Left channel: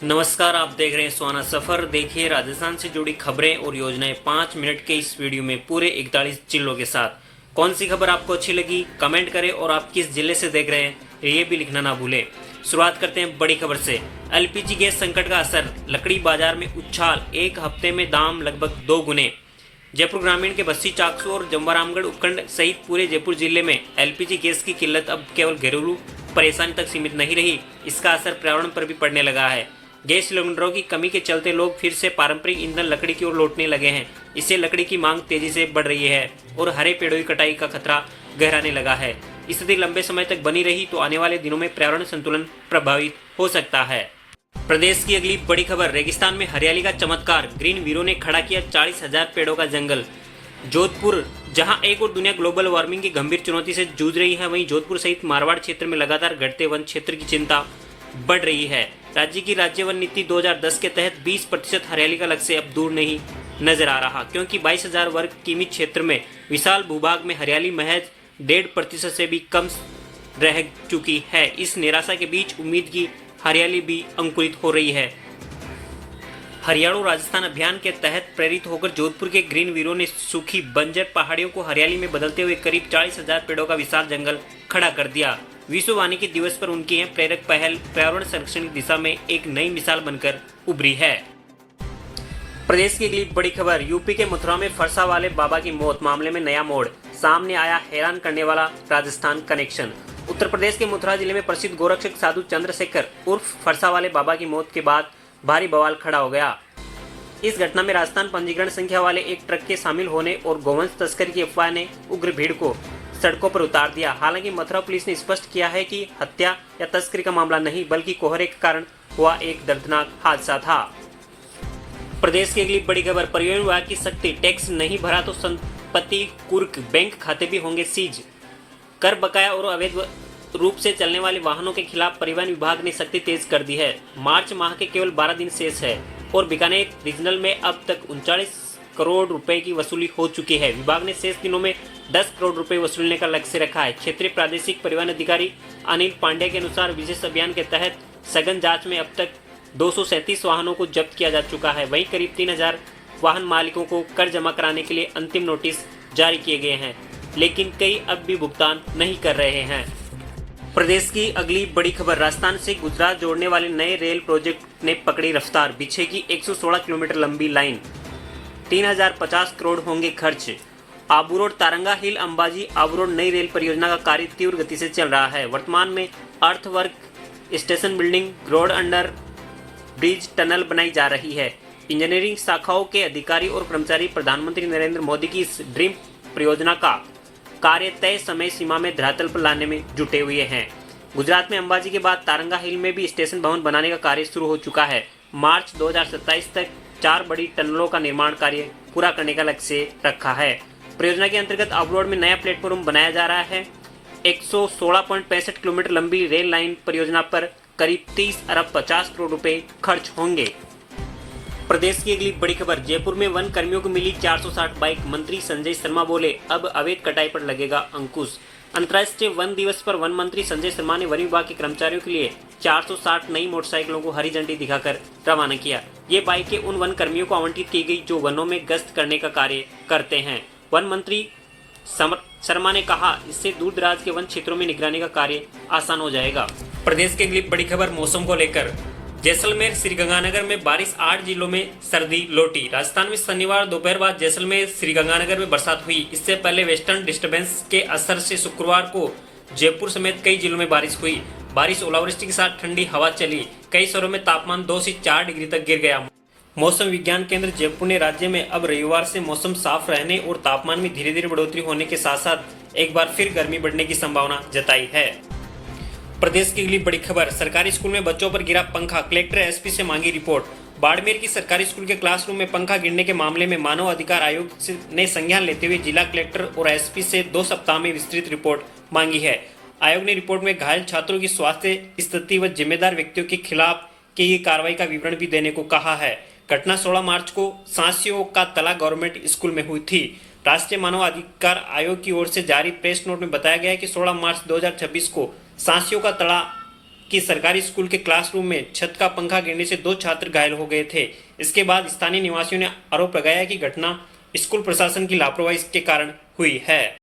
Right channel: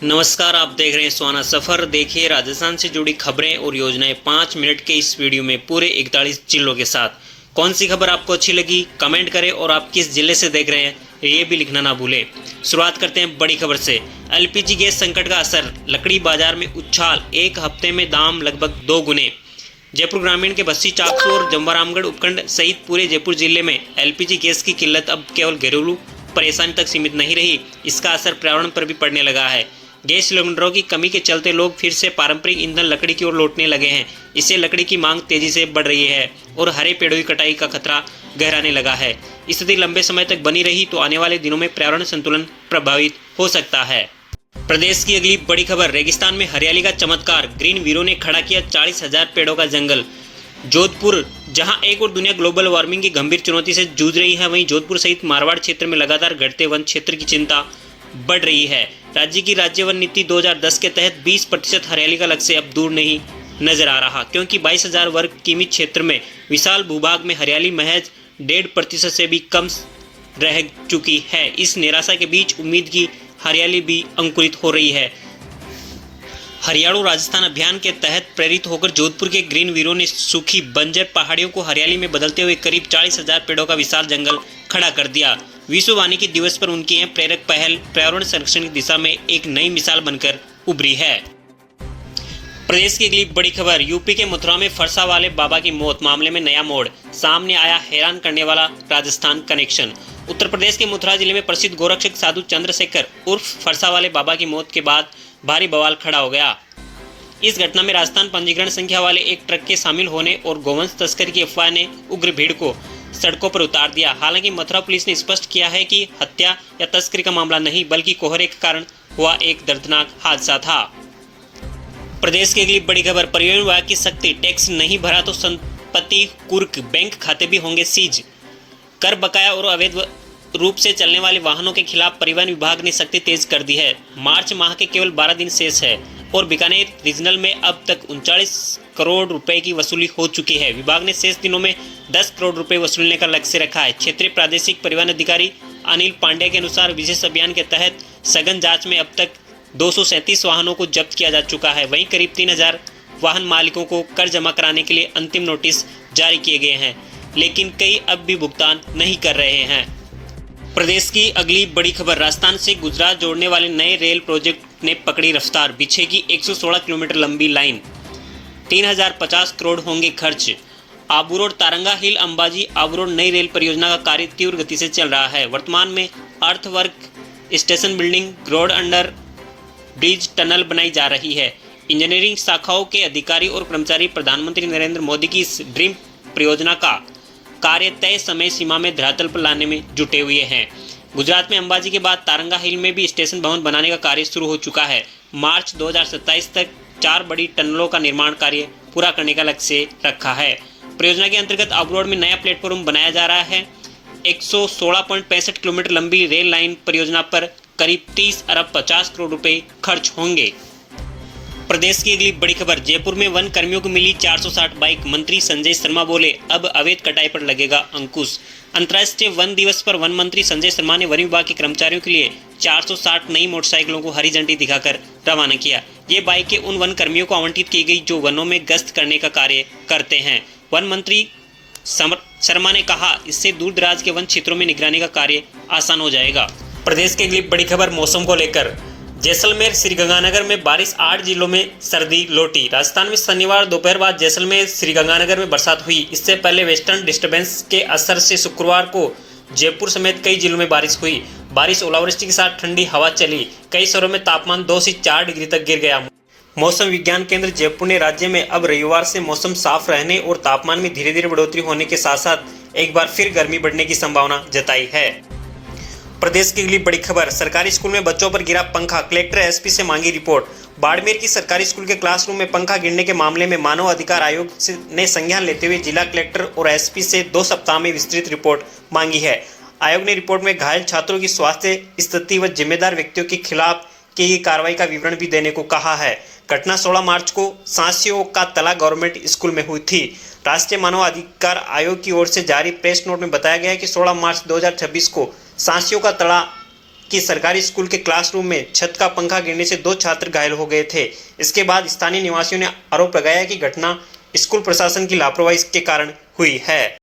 नमस्कार, आप देख रहे हैं सुहाना सफ़र। देखिए राजस्थान से जुड़ी खबरें और योजनाएं 5 मिनट के इस वीडियो में पूरे 41 जिलों के साथ। कौन सी खबर आपको अच्छी लगी कमेंट करें और आप किस जिले से देख रहे हैं ये भी लिखना ना भूलें। शुरुआत करते हैं बड़ी खबर से। एलपीजी गैस संकट का असर, लकड़ी बाजार में उछाल, एक हफ्ते में दाम लगभग 2 गुने। जयपुर ग्रामीण के बस्सी, चाकसू और जमवारामगढ़ उपखंड सहित पूरे जयपुर जिले में एलपीजी गैस की किल्लत अब केवल घरेलू परेशानी तक सीमित नहीं रही, इसका असर पर्यावरण पर भी पड़ने लगा है। गैस सिलेंडरों की कमी के चलते लोग फिर से पारंपरिक ईंधन लकड़ी की ओर लौटने लगे हैं। इससे लकड़ी की मांग तेजी से बढ़ रही है और हरे पेड़ों की कटाई का खतरा गहराने लगा है। स्थिति लंबे समय तक बनी रही तो आने वाले दिनों में पर्यावरण संतुलन प्रभावित हो सकता है। प्रदेश की अगली बड़ी खबर, रेगिस्तान में हरियाली का चमत्कार, ग्रीन वीरों ने खड़ा किया 40,000 पेड़ों का जंगल। जोधपुर, जहां एक और दुनिया ग्लोबल वार्मिंग की गंभीर चुनौती से जूझ रही है, वहीं जोधपुर सहित मारवाड़ क्षेत्र में लगातार घटते वन क्षेत्र की चिंता बढ़ रही है। राज्य की राज्य वन नीति 2010 के तहत 20% हरियाली का लक्ष्य अब दूर नहीं नजर आ रहा, क्योंकि 22,000 वर्ग किमी क्षेत्र में विशाल भूभाग में हरियाली महज 1.5% से भी कम रह चुकी है। इस निराशा के बीच उम्मीद की हरियाली भी अंकुरित हो रही है। हरियाणा राजस्थान अभियान के तहत प्रेरित होकर जोधपुर के ग्रीन वीरों ने सूखी बंजर पहाड़ियों को हरियाली में बदलते हुए करीब 40,000 पेड़ों का विशाल जंगल खड़ा कर दिया। विश्व वानिकी दिवस पर उनकी यह प्रेरक पहल पर्यावरण संरक्षण की दिशा में एक नई मिसाल बनकर उभरी है। प्रदेश की अगली बड़ी खबर, यूपी के मथुरा में फरसा वाले बाबा की मौत, मामले में नया मोड़, सामने आया हैरान करने वाला राजस्थान कनेक्शन। उत्तर प्रदेश के मथुरा जिले में प्रसिद्ध गोरक्षक साधु चंद्रशेखर उर्फ फरसा वाले बाबा की मौत के बाद भारी बवाल खड़ा हो गया। इस घटना में राजस्थान पंजीकरण संख्या वाले एक ट्रक के शामिल होने और गोवंश तस्करी की अफवाह ने उग्र भीड़ को सड़कों पर उतार दिया। हालांकि मथुरा पुलिस ने स्पष्ट किया है कि हत्या या तस्करी का मामला नहीं, बल्कि कोहरे के कारण हुआ एक दर्दनाक हादसा था। प्रदेश की अगली बड़ी खबर, परिवहन विभाग की सख्ती, टैक्स नहीं भरा तो संपत्ति कुर्क, बैंक खाते भी होंगे सीज। कर बकाया और अवैध रूप से चलने वाले वाहनों के खिलाफ परिवहन विभाग ने सख्ती तेज कर दी है। मार्च माह के केवल 12 दिन शेष है और बीकानेर रीजनल में अब तक 39 करोड़ रुपए की वसूली हो चुकी है। विभाग ने शेष दिनों में 10 करोड़ रुपए वसूलने का लक्ष्य रखा है। क्षेत्रीय प्रादेशिक परिवहन अधिकारी अनिल पांडे के अनुसार विशेष अभियान के तहत सघन जांच में अब तक 237 वाहनों को जब्त किया जा चुका है। वहीं करीब 3,000 वाहन मालिकों को कर जमा कराने के लिए अंतिम नोटिस जारी किए गए हैं, लेकिन कई अब भी भुगतान नहीं कर रहे हैं। प्रदेश की अगली बड़ी खबर, राजस्थान से गुजरात जोड़ने वाले नए रेल प्रोजेक्ट ने पकड़ी रफ्तार, बिछेगी 116 किलोमीटर लंबी लाइन, 3,050 करोड़ होंगे खर्च। आबू रोड तारंगा हिल अंबाजी आबू रोड नई रेल परियोजना का कार्य तीव्र गति से चल रहा है। वर्तमान में earthwork, station building, road under bridge, tunnel बनाई जा रही है। इंजीनियरिंग शाखाओं के अधिकारी और कर्मचारी प्रधानमंत्री नरेंद्र मोदी की इस ड्रीम परियोजना का कार्य तय समय सीमा में धरातल पर लाने में जुटे हुए हैं। गुजरात में अंबाजी के बाद तारंगा हिल में भी स्टेशन भवन बनाने का कार्य शुरू हो चुका है। मार्च 2027 तक 4 बड़ी टनलों का निर्माण कार्य पूरा करने का लक्ष्य रखा है। परियोजना के अंतर्गत आबू रोड में नया प्लेटफॉर्म बनाया जा रहा है। 116.65 किलोमीटर लंबी रेल लाइन परियोजना पर करीब 30 अरब 50 करोड़ रुपए खर्च होंगे। प्रदेश की अगली बड़ी खबर, जयपुर में वन कर्मियों को मिली 460 बाइक, मंत्री संजय शर्मा बोले अब अवैध कटाई पर लगेगा अंकुश। अंतर्राष्ट्रीय वन दिवस पर वन मंत्री संजय शर्मा ने वन विभाग के कर्मचारियों के लिए 460 नई मोटरसाइकिलों को हरी झंडी दिखाकर रवाना किया। ये बाइकें उन वन कर्मियों को आवंटित की गई जो वनों में गश्त करने का कार्य करते हैं। वन मंत्री शर्मा ने कहा, इससे दूर दराज के वन क्षेत्रों में निगरानी का कार्य आसान हो जाएगा। प्रदेश की अगली बड़ी खबर, मौसम को लेकर, जैसलमेर श्रीगंगानगर में बारिश, 8 जिलों में सर्दी लौटी। राजस्थान में शनिवार दोपहर बाद जैसलमेर श्रीगंगानगर में बरसात हुई। इससे पहले वेस्टर्न डिस्टर्बेंस के असर से शुक्रवार को जयपुर समेत कई जिलों में बारिश हुई। बारिश, ओलावृष्टि के साथ ठंडी हवा चली। कई शहरों में तापमान 2 से 4 डिग्री तक गिर गया। मौसम विज्ञान केंद्र जयपुर ने राज्य में अब रविवार से मौसम साफ रहने और तापमान में धीरे धीरे बढ़ोतरी होने के साथ साथ एक बार फिर गर्मी बढ़ने की संभावना जताई है। प्रदेश की अगली बड़ी खबर, सरकारी स्कूल में बच्चों पर गिरा पंखा, कलेक्टर एसपी से मांगी रिपोर्ट। बाड़मेर की सरकारी स्कूल के क्लासरूम में पंखा गिरने के मामले में मानव अधिकार आयोग ने संज्ञान लेते हुए जिला कलेक्टर और एसपी से 2 सप्ताह में विस्तृत रिपोर्ट मांगी है। आयोग ने रिपोर्ट में घायल छात्रों की स्वास्थ्य स्थिति व जिम्मेदार व्यक्तियों के खिलाफ की गई कार्रवाई का विवरण भी देने को कहा है। घटना 16 मार्च को सांसियों का तला गवर्नमेंट स्कूल में हुई थी। राष्ट्रीय मानव अधिकार आयोग की ओर से जारी प्रेस नोट में बताया गया है कि 16 मार्च 2026 को सांसियों का तला कि सरकारी स्कूल के क्लासरूम में छत का पंखा गिरने से 2 छात्र घायल हो गए थे। इसके बाद स्थानीय निवासियों ने आरोप लगाया कि घटना स्कूल प्रशासन की लापरवाही के कारण हुई है।